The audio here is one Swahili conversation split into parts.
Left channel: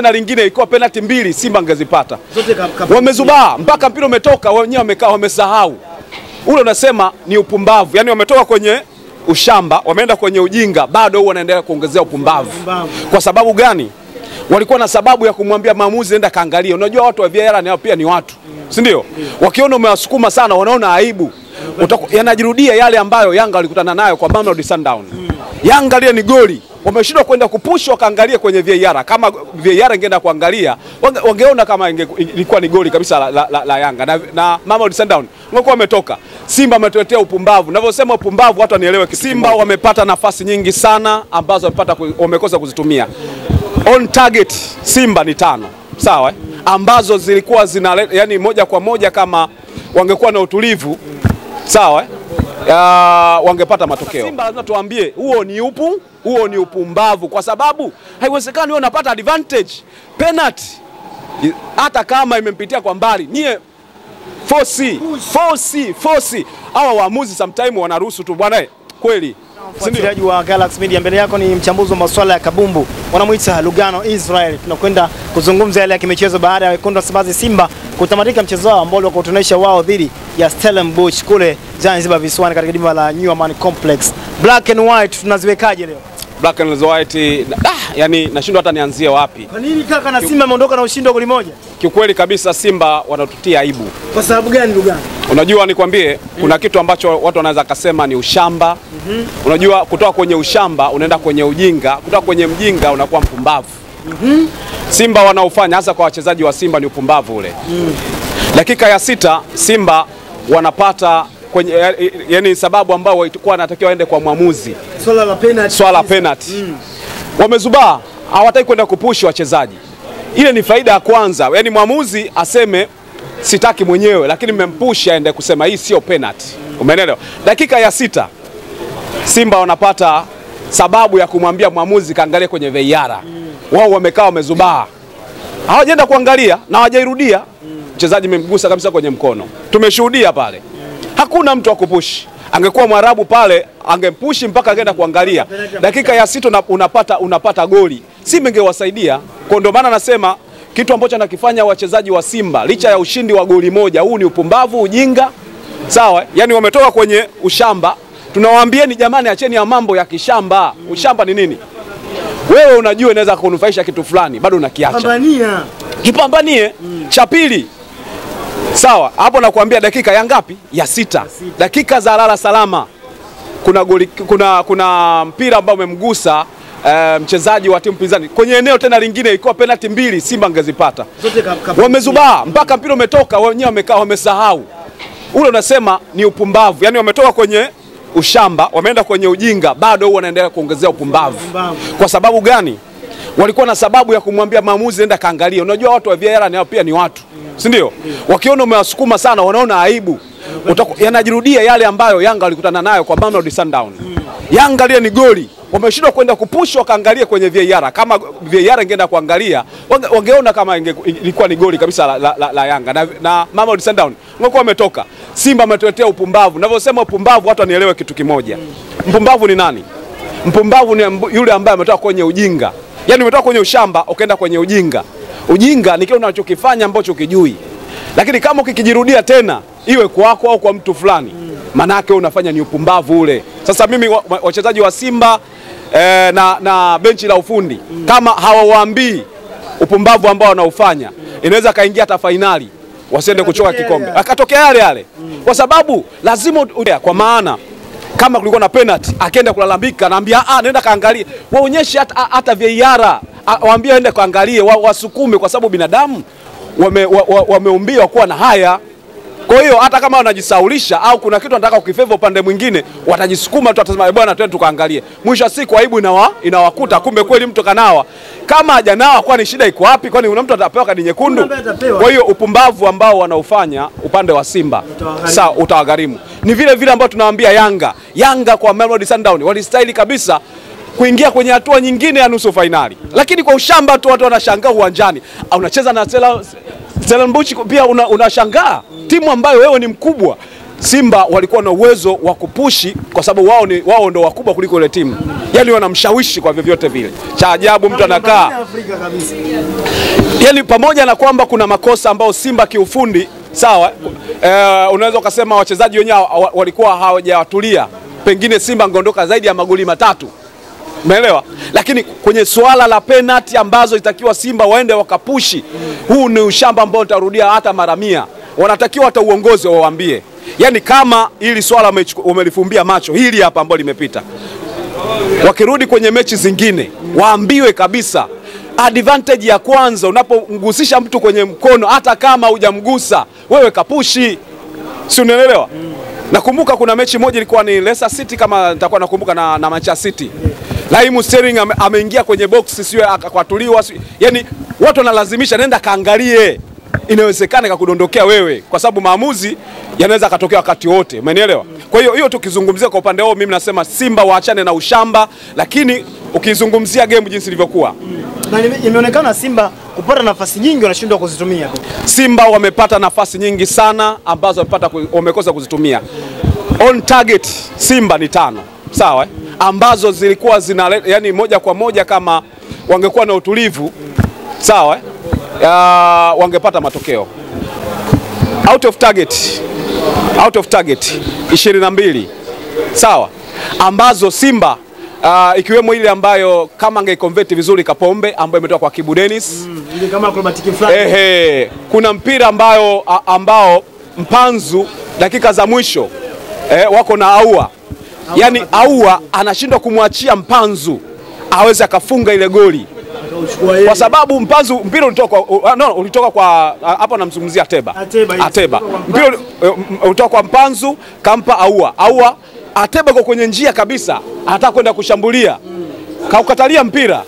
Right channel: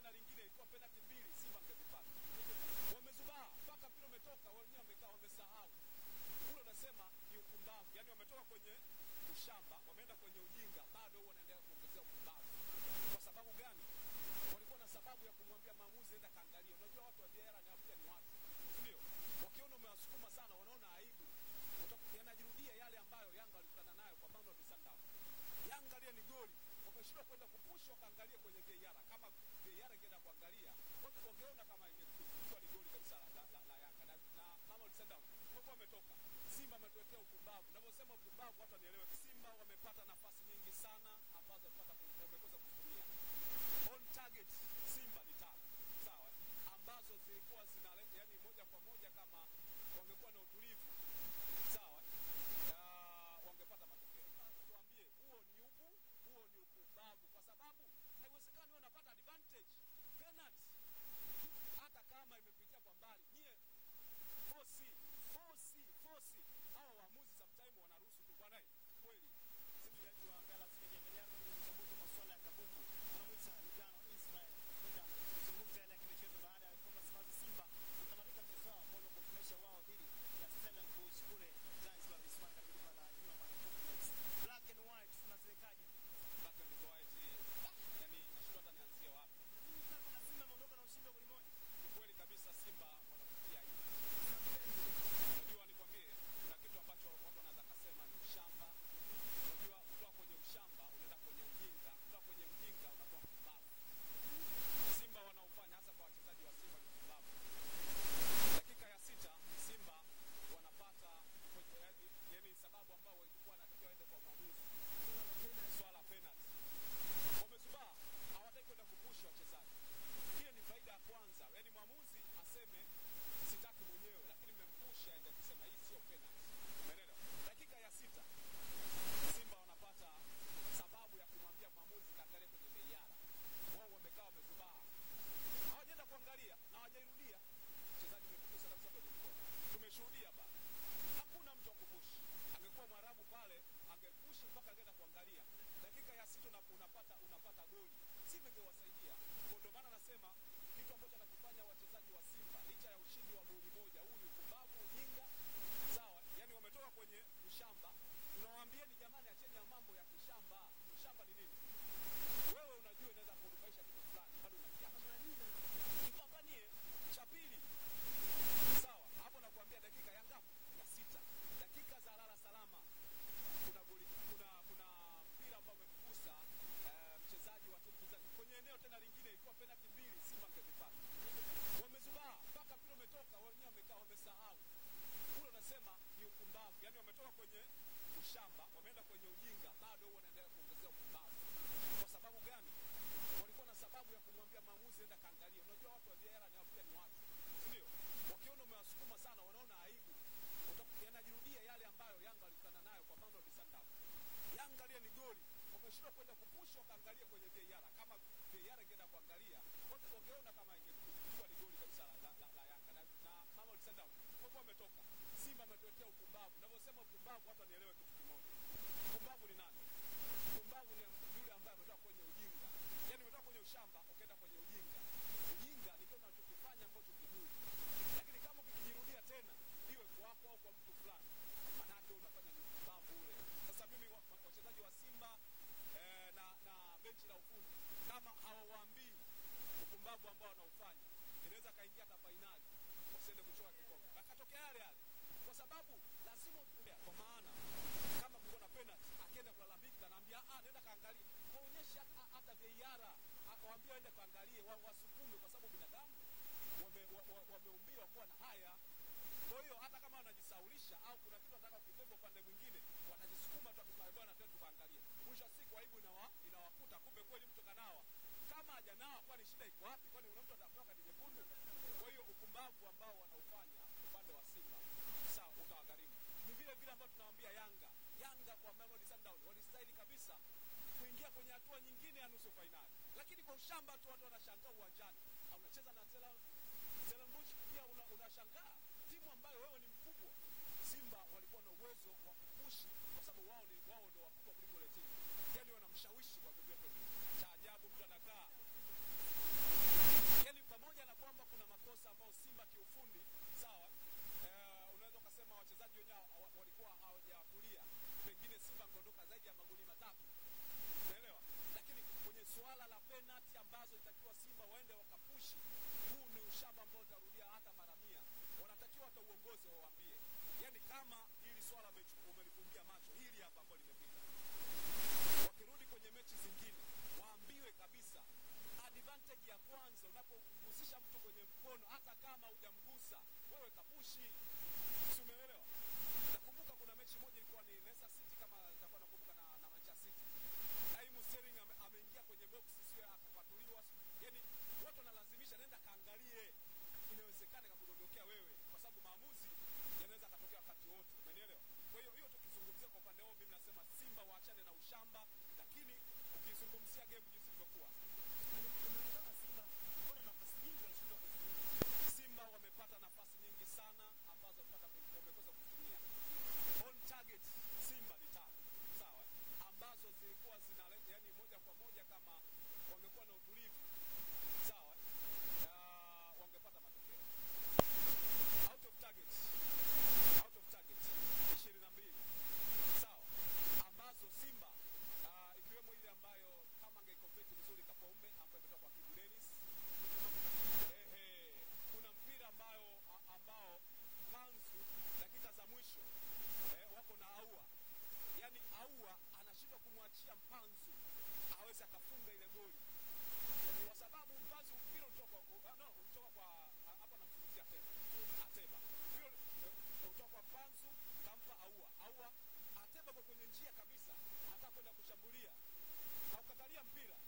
Na lingine ilikuwa penalty mbili Simba angezipata. Wamezubaa mpaka mpira umetoka wenyewe wamekaa wamesahau. Ule unasema ni upumbavu. Yaani wametoka kwenye ushamba, wameenda kwenye ujinga, bado huo wanaendelea kuongezea upumbavu. Kwa sababu gani? Walikuwa na sababu ya kumwambia maamuzi nenda kaangalia. Unajua watu wa VAR nao pia ni watu. Si ndio? Wakiona umewasukuma sana wanaona aibu. Yanajirudia yale ambayo Yanga walikutana nayo kwa Mamelodi Sundowns. Yanga ile ni goli. Wameshindwa kwenda kupush wakaangalia kwenye VAR. Kama VAR ingeenda kuangalia, wangeona kama ilikuwa ni goli kabisa la Yanga. Na Mamelodi Sundowns wangekuwa wametoka. Simba ametuletea upumbavu. Ninavyosema upumbavu watu wanielewe. Simba wamepata nafasi nyingi sana ambazo wamekosa kuzitumia. On target Simba ni 5. Sawa? Ambazo zilikuwa yani moja kwa moja kama wangekuwa na utulivu. Sawa? Wangepata matokeo. Simba lazima tuambie huo ni upumbavu, kwa sababu haiwezekani wewe unapata advantage penalty hata kama imempitia kwa mbali. Nie force hawa waamuzi sometimes wanaruhusu tu bwana kweli. Mfuatiliaji wa Galaxy Media, mbele yako ni mchambuzi wa masuala ya kabumbu, wanamuita Lugano Israel. Tunakwenda kuzungumza yale ya kimichezo baada ya wekundu wa Msimbazi Simba kutamatika mchezo wao ambao walikuwa wao dhidi ya Stellenbosch kule Zanzibar visiwani katika dimba la New Amaan Complex. Black and white tunaziwekaje leo? Black and white yani nashindwa hata nianzie wapi. Kwa nini kaka na Simba ameondoka na ushindi wa goli moja? Kiukweli kabisa Simba wanatutia aibu. Kwa sababu gani Lugano? Unajua nikwambie kuna kitu ambacho watu wanaweza kusema ni ushamba. Unajua kutoka kwenye ushamba unaenda kwenye ujinga, kutoka kwenye mjinga unakuwa mpumbavu. Simba wanaofanya hasa kwa wachezaji wa Simba ni upumbavu ule. Dakika ya 6 Simba wanapata kwenye yani sababu ambao walikuwa wanatakiwa waende kwa mwamuzi. Swala la penalty. Wamezubaa, hawataki kwenda kupush wachezaji. Ile ni faida ya kwanza. Yaani mwamuzi aseme sitaki mwenyewe, lakini mmempush aende kusema hii sio penalty. Umeelewa? Dakika ya 6 Simba wanapata sababu ya kumwambia mwamuzi kaangalie kwenye VAR. Wao wamekaa wamezubaa. Hawajaenda kuangalia na hawajairudia. Mchezaji memgusa kabisa kwenye mkono. Tumeshuhudia pale. Hakuna mtu wa kupush. Angekuwa Mwarabu pale angempush mpaka angeenda kuangalia. Dakika ya 6 unapata goli. Simba ingewasaidia. Kwa ndio maana nasema kitu ambacho anakifanya wachezaji wa Simba licha ya ushindi wa goli moja, huu ni upumbavu, ujinga. Sawa? Yaani wametoka kwenye ushamba. Tunawaambieni jamani, acheni ya mambo ya kishamba. Ushamba ni nini? Wewe unajua inaweza kunufaisha kitu fulani, bado unakiacha. Kipambanie. Cha pili. Sawa, hapo nakwambia dakika ya ngapi? Ya 6. Dakika za lala salama. Kuna mpira ambao umemgusa mchezaji wa timu pinzani. Kwenye eneo tena lingine ilikuwa penalty mbili Simba angezipata. Wamezubaa mpaka mpira umetoka wenyewe wamekaa wamesahau. Ule unasema ni upumbavu. Yaani wametoka kwenye ushamba, wameenda kwenye ujinga, bado huo wanaendelea kuongezea upumbavu. Kwa sababu gani? Walikuwa na sababu ya kumwambia maamuzi nenda kaangalia. Unajua watu wa VAR nao pia ni watu. Si ndio? Wakiona umewasukuma sana wanaona aibu. Yanajirudia yale ambayo Yanga walikutana nayo kwa Mamelodi Sundowns. Yanga ile ni goli. Wameshindwa kwenda kupush wakaangalia kwenye VAR. Kama VAR ingeenda kuangalia, wangeona kama ilikuwa ni goli kabisa la Yanga. Na Mamelodi Sundowns wangekuwa wametoka. Simba ametuletea upumbavu. Ninavyosema upumbavu watu wanielewe kitu kimoja. Mpumbavu ni nani? Mpumbavu ni yule ambaye ametoka kwenye ujinga. Yaani umetoka kwenye ushamba ukaenda kwenye ujinga. Ujinga ni kile unachokifanya ambacho ukijui. Lakini kama ukikijirudia tena iwe kwako au kwa mtu fulani, maana yake unafanya ni upumbavu ule. Sasa mimi wachezaji wa Simba na benchi la ufundi kama hawawaambii upumbavu ambao wanaufanya, inaweza kaingia hata finali wasiende kuchoka kikombe. Akatokea yale. Kwa sababu lazima kwa maana kama kulikuwa na penalty akaenda kulalamika naambia nenda kaangalie. Waonyeshe hata VAR. Waambie aende kaangalie, wasukume kwa sababu binadamu wameumbiwa kuwa na haya. Kwa hiyo hata kama wanajisaulisha au kuna kitu wanataka ukifeva upande mwingine, watajisukuma tu atasema bwana twende tukaangalie. Mwisho siku aibu inawakuta, kumbe kweli mtu kanawa. Kama hajanawa kwani shida iko wapi? Kwani una mtu atapewa kadi nyekundu? Kwa hiyo upumbavu ambao wanaufanya upande wa Simba sawa utawagharimu. Ni vile ambao tunawaambia Yanga kwa Mamelodi Sundowns walistahili kabisa kuingia kwenye hatua nyingine ya nusu finali. Lakini kwa ushamba tu watu wanashangaa uwanjani. Unacheza na Stellenbosch pia unashangaa. Timu ambayo wewe ni mkubwa. Simba walikuwa na uwezo wa kupushi kwa sababu wao ndio wakubwa kuliko ile timu. Yaani wanamshawishi kwa vyovyote vile. Cha ajabu mtu anakaa. Yaani pamoja na kwamba kuna makosa ambayo Simba kiufundi sawa, unaweza ukasema wachezaji wenyewe walikuwa hawajatulia. Pengine Simba angeondoka zaidi ya magoli 3. Umeelewa? Lakini kwenye swala la penalty ambazo itakiwa Simba waende wakapushi, huu ni ushamba ambao utarudia hata mara 100. Wanatakiwa hata uongozi wawaambie. Yaani kama hili swala umelifumbia macho, hili hapa ambalo limepita, wakirudi kwenye mechi zingine waambiwe kabisa advantage ya kwanza unapomgusisha mtu kwenye mkono, hata kama hujamgusa wewe kapushi. Si unaelewa? Nakumbuka kuna mechi moja ilikuwa ni Leicester City kama nitakuwa nakumbuka na Manchester City. Raheem Sterling ameingia kwenye box sio akakwatuliwa. Yaani watu wanalazimisha nenda kaangalie. Inawezekana kakudondokea wewe kwa sababu maamuzi yanaweza katokea wakati wote. Umenielewa? Kwa hiyo tukizungumzia kwa upande wao, mimi nasema Simba waachane na ushamba, lakini ukizungumzia game jinsi ilivyokuwa, na imeonekana Simba kupata nafasi nyingi wanashindwa kuzitumia. Simba wamepata nafasi nyingi sana ambazo wamekosa kuzitumia. On target Simba ni 5. Sawa? Ambazo zilikuwa yani moja kwa moja kama wangekuwa na utulivu, sawa? Wangepata matokeo. Out of target 22. Sawa? Ambazo Simba ikiwemo ile ambayo kama angeconvert vizuri Kapombe ambayo imetoka kwa Kibu Dennis. Ile kama acrobatic flag. Kuna mpira ambao Mpanzu dakika za mwisho wako na Aua. Yaani Aua anashindwa kumwachia Mpanzu aweze akafunga ile goli. Kwa sababu Mpanzu mpira ulitoka kwa hapa namzungumzia Ateba. Mpira ulitoka kwa Mpanzu kampa Aua. Ateba kwa kwenye njia kabisa, anataka kwenda kushambulia. Kaukatalia mpira.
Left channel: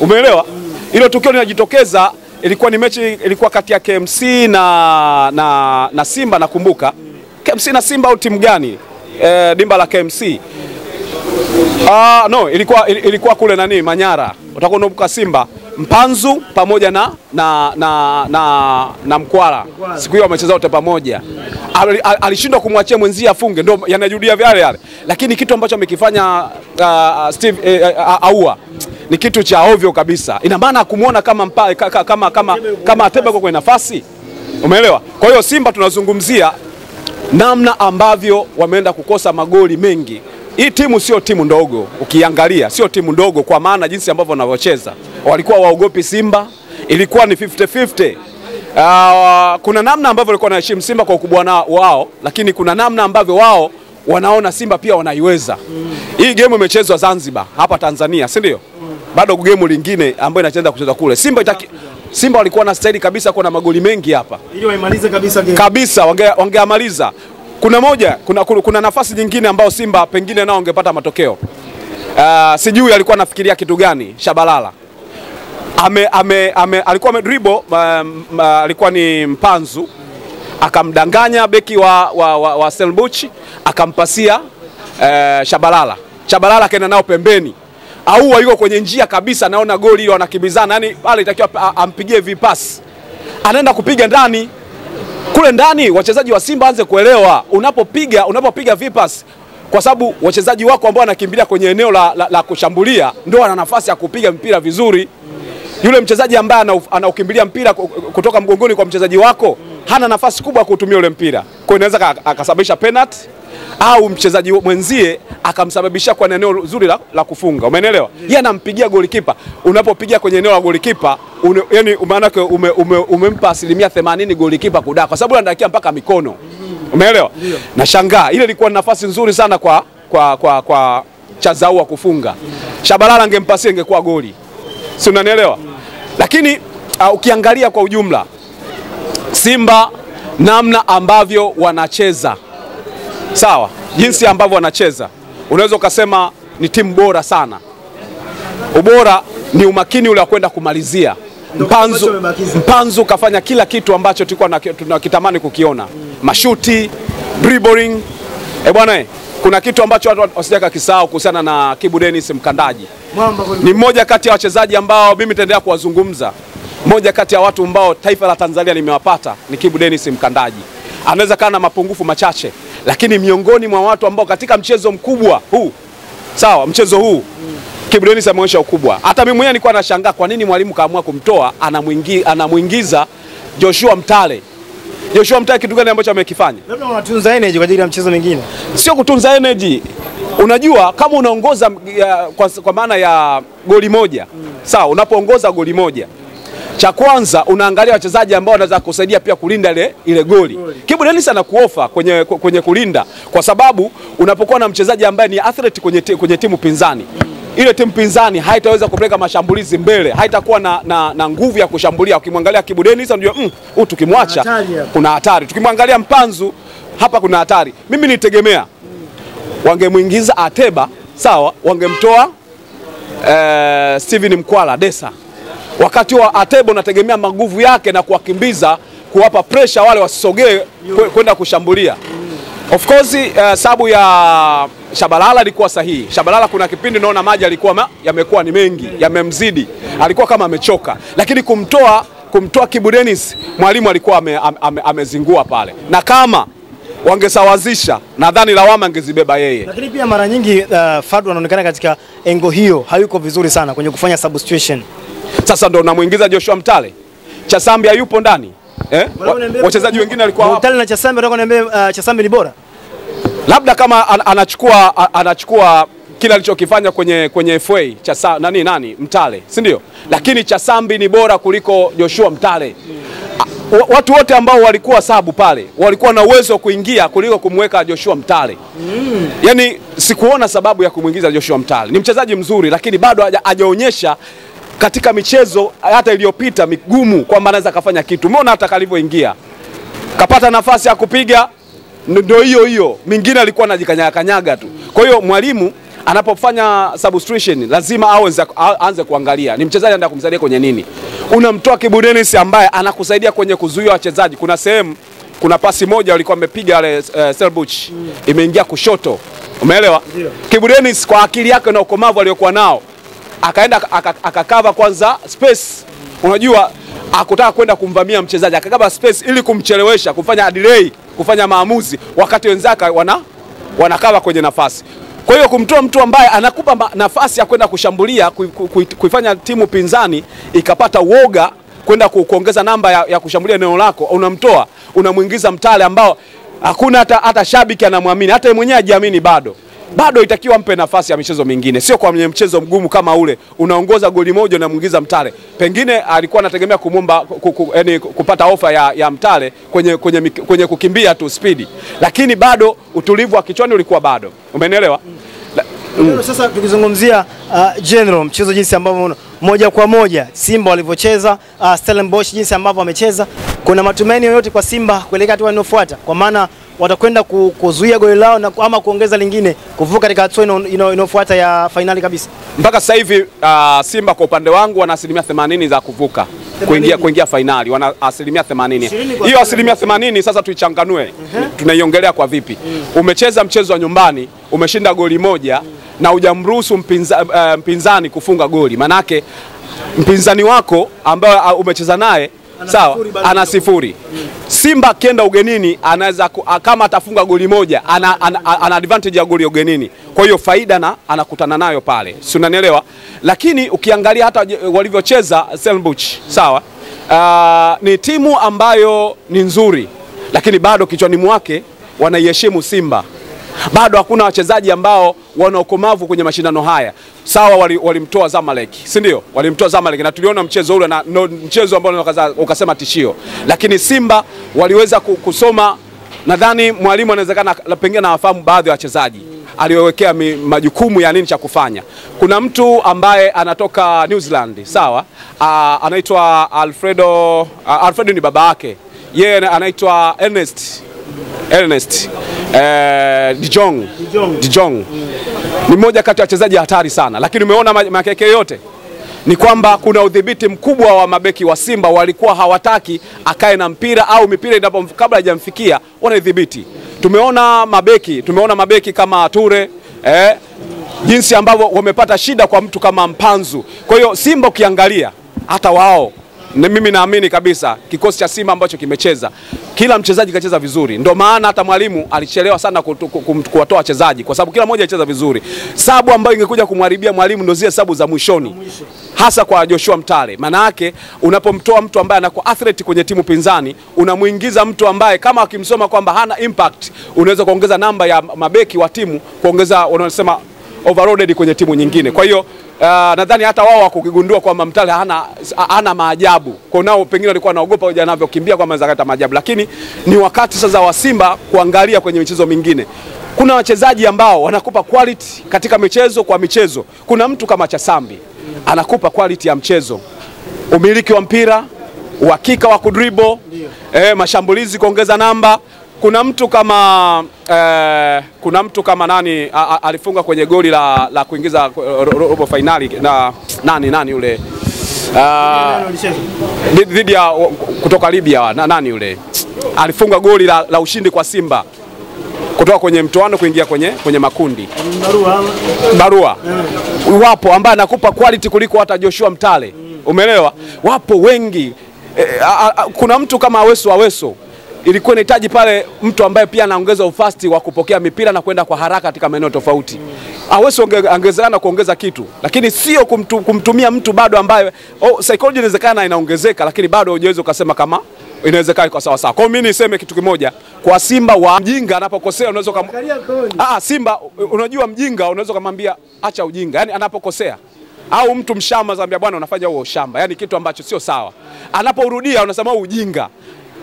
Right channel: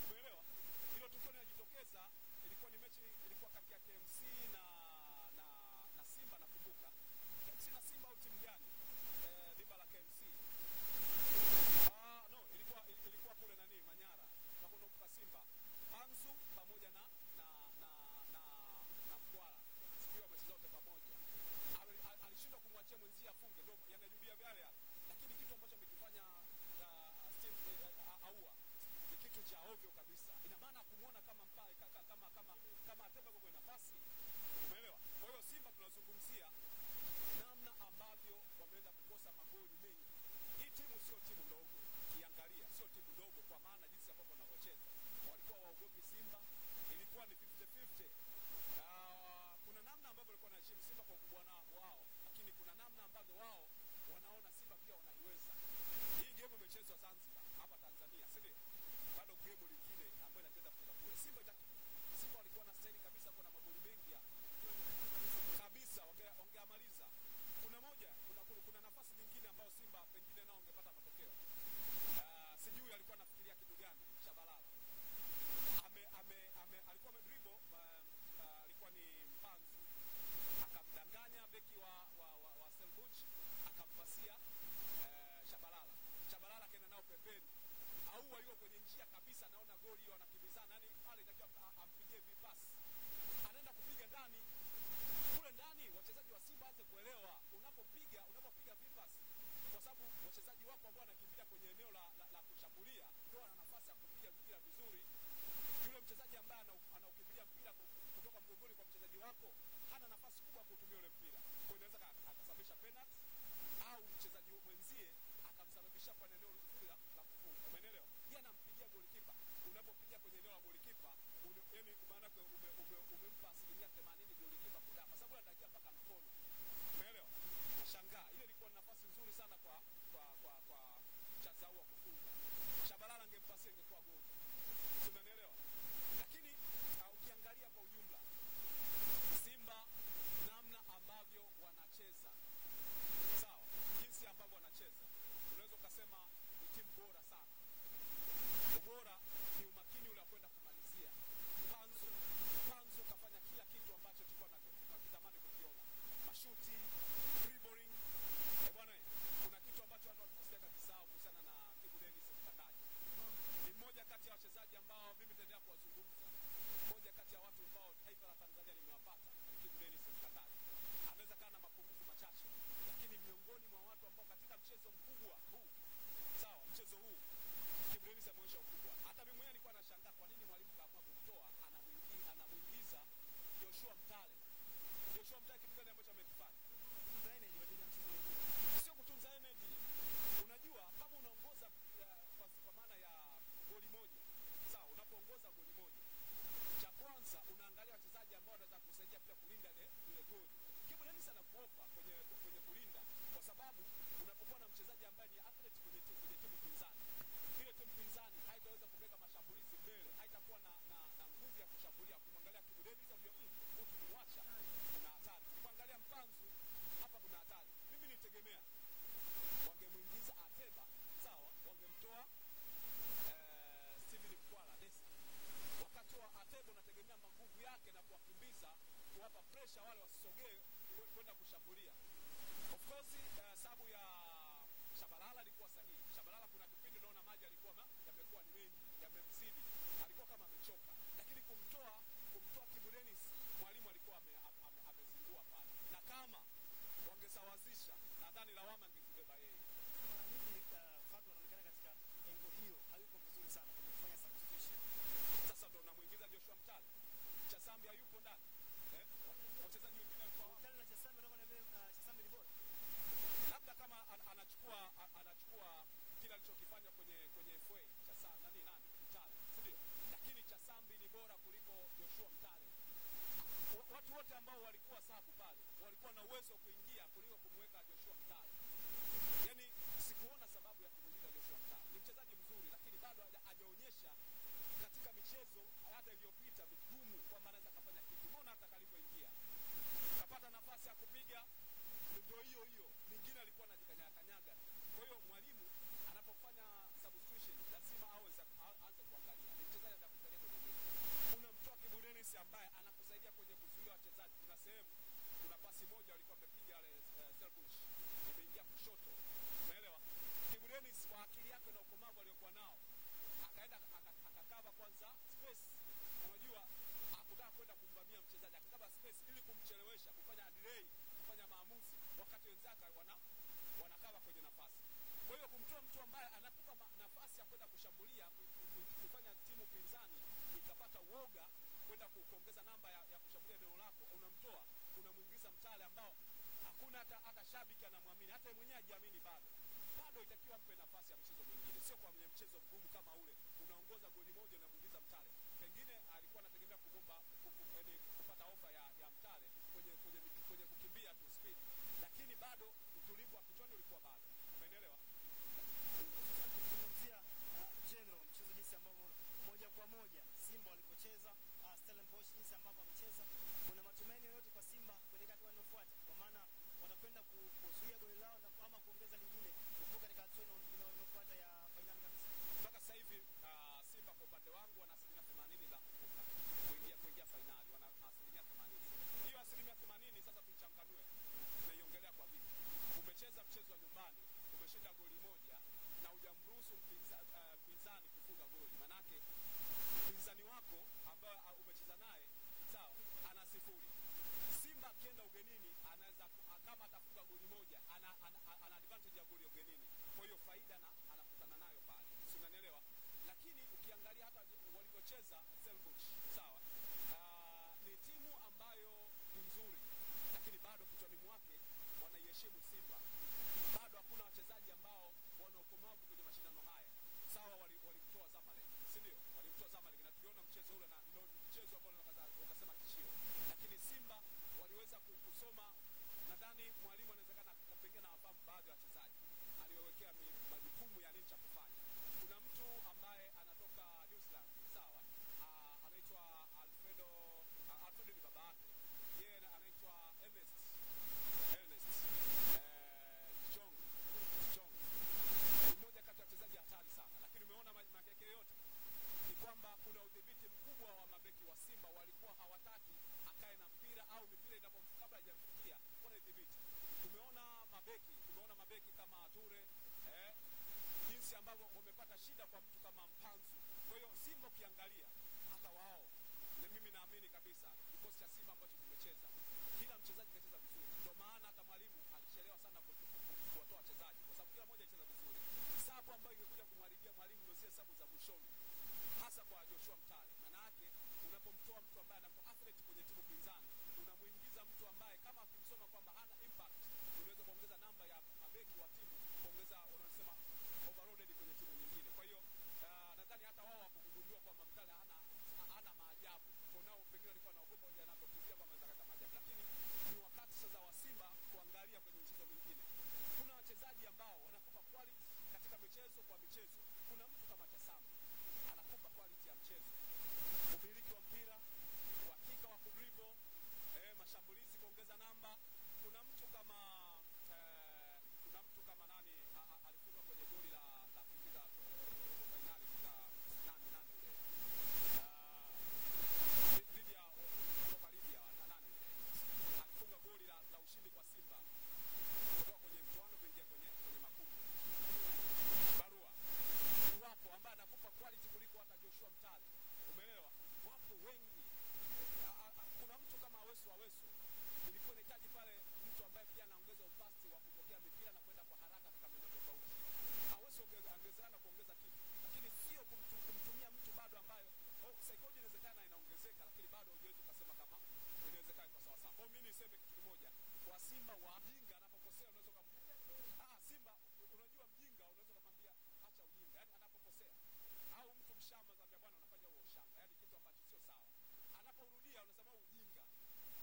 Umeelewa? Hilo tukio linajitokeza, ilikuwa ni mechi ilikuwa kati ya KMC na Simba nakumbuka. KMC na Simba au timu gani? Dimba la KMC. Ilikuwa kule Manyara. Utakuwa unakumbuka Simba Mpanzu pamoja na Mkwala. Siku hiyo wamecheza wote pamoja. Alishindwa kumwachia mwenzie afunge, ndio yanajudia yale. Lakini kitu ambacho amekifanya Aua ni kitu cha ovyo kabisa. Ina maana kumuona kama Ateba kwenye nafasi. Umeelewa? Kwa hiyo Simba tunazungumzia namna ambavyo wameenda kukosa magoli mengi. Hii timu sio timu ndogo, ukiangalia sio timu ndogo kwa maana jinsi ambavyo wanavyocheza. Walikuwa waogopi Simba, ilikuwa ni 50-50. Kuna namna ambavyo walikuwa wanaheshimu Simba kwa ukubwa wao, lakini kuna namna ambavyo wao wanaona Simba pia wanaiweza. Hii game imechezwa Zanzibar, hapa Tanzania, si ndio? Bado game lingine ambayo inacheza kucheza kule. Simba walikuwa na staili kabisa kwa na magoli mengi hapa. Ili waimalize kabisa game. Kabisa wangeamaliza. Kuna nafasi nyingine ambayo Simba pengine nao ungepata matokeo. Sijui alikuwa anafikiria kitu gani Shabalala. Alikuwa amedribble, alikuwa ni Mpanzu, akamdanganya beki wa Stellenbosch, akampasia Shabalala. Shabalala kaenda nao pembeni. Aua yuko kwenye njia kabisa, naona goli ile wanakimbizana. Yaani pale itakiwa ampigie vipasi. Anaenda kupiga ndani. Kule ndani wachezaji wa Simba anze kuelewa unapopiga vipas, kwa sababu wachezaji wako ambao wanakimbilia kwenye eneo la kushambulia ndio wana nafasi ya kupiga mpira vizuri. Yule mchezaji ambaye anaukimbilia mpira kutoka mgongoni kwa mchezaji wako hana nafasi kubwa kutumia ule mpira. Kwa hiyo inaweza akasababisha penalty au mchezaji mwenzie akamsababisha kwa eneo zuri la kufunga. Umeelewa? Yeye anampigia golikipa. Unapopigia kwenye eneo la golikipa, yani maana yake umempa 80% golikipa kudaka, kwa sababu anadakia mpaka mikono. Umeelewa? Na shangaa ile ilikuwa nafasi nzuri sana kwa Chazaua kufunga. Shabalala angempasia ingekuwa goli. Si unanielewa? Lakini ukiangalia kwa ujumla Simba namna ambavyo wanacheza, sawa, jinsi ambavyo wanacheza, unaweza ukasema ni timu bora sana. Ubora ni umakini ule wa kwenda kumalizia. Mpanzu kafanya kila kitu ambacho tulikuwa tunakitamani kukiona. Mashuti, dribbling. Bwana, kuna kitu ambacho watu wasijaka kisahau kuhusiana na Kibu Dennis mkandaji. Ni mmoja kati ya wachezaji ambao mimi nitaendelea kuwazungumza. Mmoja kati ya watu ambao taifa la Tanzania limewapata ni Kibu Dennis mkandaji. Anaweza kana mapungufu machache, lakini miongoni mwa watu ambao katika mchezo mkubwa huu, sawa, mchezo huu Kibu Denis ameonyesha ukubwa. Hata mimi mwenyewe nilikuwa nashangaa kwa nini mwalimu kaamua kumtoa, anamuingiza Joshua Mtale. Joshua Mtale kitu gani ambacho amekifanya? Labda unatunza energy kwa ajili ya mchezo mwingine. Sio kutunza energy. Unajua kama unaongoza kwa maana ya goli moja, sawa, unapoongoza goli moja, cha kwanza unaangalia wachezaji ambao wanaweza kusaidia pia kulinda ile goli. Kibu Denis anakuofa kwenye kulinda, kwa sababu unapokuwa na mchezaji ambaye ni athlete kwenye timu pinzani, ile timu pinzani haitaweza kupeleka mashambulizi mbele, haitakuwa na nguvu ya kushambulia. Ukimwangalia Kibu Denis unajua huyu tukimwacha kuna hatari. Tukimwangalia Mpanzu hapa kuna hatari. Mimi nitegemea wangemuingiza Ateba, sawa, wangemtoa Steven Mkwala Desa. Wakati wa Ateba unategemea maguvu yake na kuwakimbiza, kuwapa pressure wale wasisogee kwenda kushambulia. Of course sababu ya Shabalala ilikuwa sahihi. Shabalala kuna kipindi naona maji alikuwa yamekuwa ni mengi, yamemzidi. Alikuwa kama amechoka. Lakini kumtoa Kibu Denis, mwalimu alikuwa amezingua pale. Na kama wangesawazisha, nadhani lawama angezibeba yeye. Lakini pia mara nyingi Fadlu anaonekana katika engo hiyo hayuko vizuri sana kwenye kufanya substitution. Sasa ndo namuingiza Joshua Mtale. Chasambi hayupo ndani. Wachezaji wengine walikuwa hapo. Mtale na Chasambi nataka niambie Chasambi ni bora. Labda kama anachukua kile alichokifanya kwenye FA nani Mtale, si ndio? Lakini Chasambi ni bora kuliko Joshua Mtale. Watu wote ambao walikuwa sabu pale walikuwa na uwezo wa kuingia kuliko kumweka Joshua Mtale. Yaani sikuona sababu ya kumuingiza Joshua Mtale. Ni mchezaji mzuri lakini bado hajaonyesha katika michezo hata iliyopita migumu kwamba anaweza kufanya kitu. Umeona hata kalivyoingia, kapata nafasi ya kupiga, ndio hiyo mingine alikuwa anajikanyaga tu. Kwa hiyo mwalimu anapofanya substitution lazima aanze kuangalia ni mchezaji anataka kumsaidia kwenye nini. Unamtoa Kibu Denis ambaye anakusaidia kwenye kuzuia wachezaji. Kuna pasi moja walikuwa wamepiga wale Selbuch, imeingia kushoto. Umeelewa? Kibu Denis kwa akili yake na ukomavu aliyokuwa nao akaenda akakava kwanza space. Unajua akutaka kwenda kumvamia mchezaji, akakava space ili kumchelewesha, kufanya delay, kufanya maamuzi wakati wenzake wanakava kwenye nafasi. Kwa hiyo kumtoa mtu ambaye anakupa nafasi ya kwenda kushambulia, kuifanya timu pinzani ikapata uoga kwenda kuongeza namba ya kushambulia eneo lako, unamtoa, unamuingiza Mtale ambao hakuna hata shabiki anamwamini, hata yeye mwenyewe hajiamini bado itakiwa mpe nafasi ya michezo mingine. Sio kwa mchezo mgumu kama ule, unaongoza goli moja na muingiza Mtale. Pengine alikuwa anategemea kumomba kupata ofa ya Mtale kwenye kukimbia tu speed. Lakini bado utulivu wa kichwani ulikuwa bado. Umenielewa? Sasa tukizungumzia general mchezo jinsi ambavyo moja kwa moja Simba walivyocheza, Stellenbosch jinsi ambavyo amecheza, kuna matumaini yoyote kwa Simba kuelekea hatua inayofuata? Kwa maana watakwenda kuzuia goli lao na ama kuongeza lingine kuvuka katika hatua inayofuata ya finali kabisa. Mpaka sasa hivi Simba kwa upande wangu wana 80% za kuvuka kuingia finali, wana 80%. Hiyo 80% sasa tuichanganue. Tunaiongelea kwa vipi? Umecheza mchezo wa nyumbani, umeshinda goli moja na hujamruhusu mpinzani kufunga goli. Manake mpinzani wako ambaye umecheza naye sawa ana 0. Simba akienda ugenini anaweza kama atafunga goli moja ana advantage ya goli ugenini. Kwa hiyo faida anakutana nayo pale. Si unanielewa? Lakini ukiangalia hata walivyocheza Stellenbosch, sawa? Ni timu ambayo ni nzuri, lakini bado kichwani mwake wanaiheshimu Simba. Bado hakuna wachezaji ambao wana ukomavu kwenye mashindano haya. Sawa, walimtoa Zamalek, si ndio? Walimtoa Zamalek na tuliona mchezo ule na mchezo ambao ukasema tishio. Lakini Simba waliweza kusoma, nadhani mwalimu anawezekana pengine anawafahamu baadhi ya wachezaji. Aliwekea majukumu ya nini cha kufanya. Kuna mtu ambaye anatoka New Zealand, sawa? Anaitwa Alfredo ni baba yake. Yeye anaitwa Ernest De Jong. Ni mmoja kati ya wachezaji hatari sana, lakini umeona makeke yote ni kwamba kuna udhibiti mkubwa wa mabeki wa Simba. Walikuwa hawataki akae na mpira au mipira kabla haijamfikia wanaidhibiti. Tumeona mabeki kama Ture jinsi ambavyo wamepata shida kwa mtu kama Mpanzu. Kwa hiyo Simba ukiangalia hata wao mimi naamini kabisa kikosi cha Simba ambacho kimecheza, kila mchezaji kacheza vizuri. Ndio maana hata mwalimu alichelewa sana kuwatoa wachezaji kwa sababu kila mmoja alicheza vizuri. Sabu ambayo ingekuja kumharibia mwalimu ndio zile sabu za mwishoni. Hasa kwa Joshua Mtale. Maana yake unapomtoa mtu ambaye anakuwa athlete kwenye timu pinzani, unamuingiza mtu ambaye kama akimsoma kwamba hana impact, unaweza kuongeza namba ya mabeki wa timu, kuongeza wanasema overloaded kwenye timu nyingine. Kwa hiyo nadhani hata wao wakugundua kwamba Mtale hana maajabu. Kwa nao pengine walikuwa wanaogopa hoja anavyokimbia kwa anaweza kuleta maajabu. Lakini ni wakati sasa wa Simba kuangalia kwenye michezo mingine. Kuna wachezaji ambao wanakupa quality katika michezo kwa michezo. Kuna mtu kama Chasambi anakupa quality ya mchezo. Umiliki wa mpira, uhakika wa kudribble, mashambulizi kuongeza namba. Kuna mtu kama nani alifunga kwenye goli la kuingiza robo finali na nani yule dhidi ya kutoka Libya nani yule alifunga goli la ushindi kwa Simba kutoka kwenye mtoano kuingia kwenye makundi. Barua. Wapo ambaye anakupa quality kuliko hata Joshua Mtale. Umeelewa? Wapo wengi. Kuna mtu kama Aweso ilikuwa inahitaji pale mtu ambaye pia anaongeza ufasti wa kupokea mipira na kwenda kwa haraka katika maeneo tofauti. Aweso angezana kuongeza kitu, lakini sio kumtumia mtu bado ambaye psychology inawezekana inaongezeka, lakini bado hujaweza ukasema kama inawezekana kwa sawa sawa. Kwa mimi niseme kitu kimoja, kwa Simba wa mjinga anapokosea unaweza Simba unajua mjinga unaweza kumwambia acha ujinga, yani anapokosea. Au mtu mshamba anambia bwana unafanya huo shamba, yani kitu ambacho sio sawa. Anaporudia unasema ujinga.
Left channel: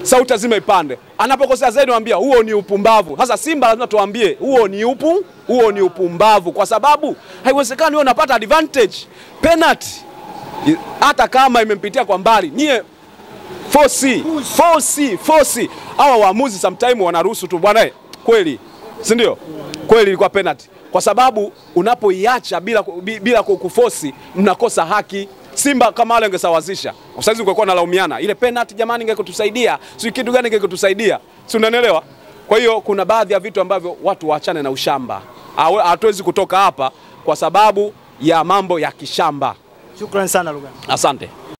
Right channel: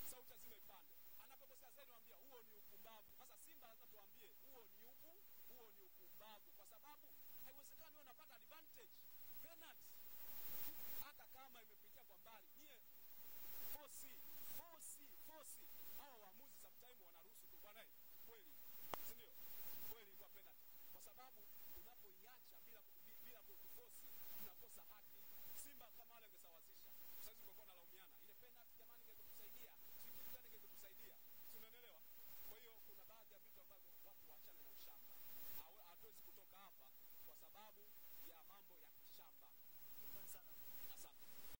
Sauti lazima ipande. Anapokosea zaidi anambia huo ni upumbavu. Sasa Simba lazima tuambie huo ni upumbavu kwa sababu haiwezekani wewe unapata advantage penalty hata kama imempitia kwa mbali. Nyie force. Hawa waamuzi sometimes wanaruhusu tu bwana kweli. Si ndio? Kweli ilikuwa penalty. Kwa sababu unapoiacha bila kuforce mnakosa haki. Simba kama wale wangesawazisha. Usaizi ungekuwa nalaumiana. Ile penalty jamani ingekutusaidia. Si kitu gani ingekutusaidia? Si unanielewa? Kwa hiyo kuna baadhi ya vitu ambavyo watu waachane na ushamba. Hatuwezi kutoka hapa kwa sababu ya mambo ya kishamba. Shukrani sana Lugano. Asante.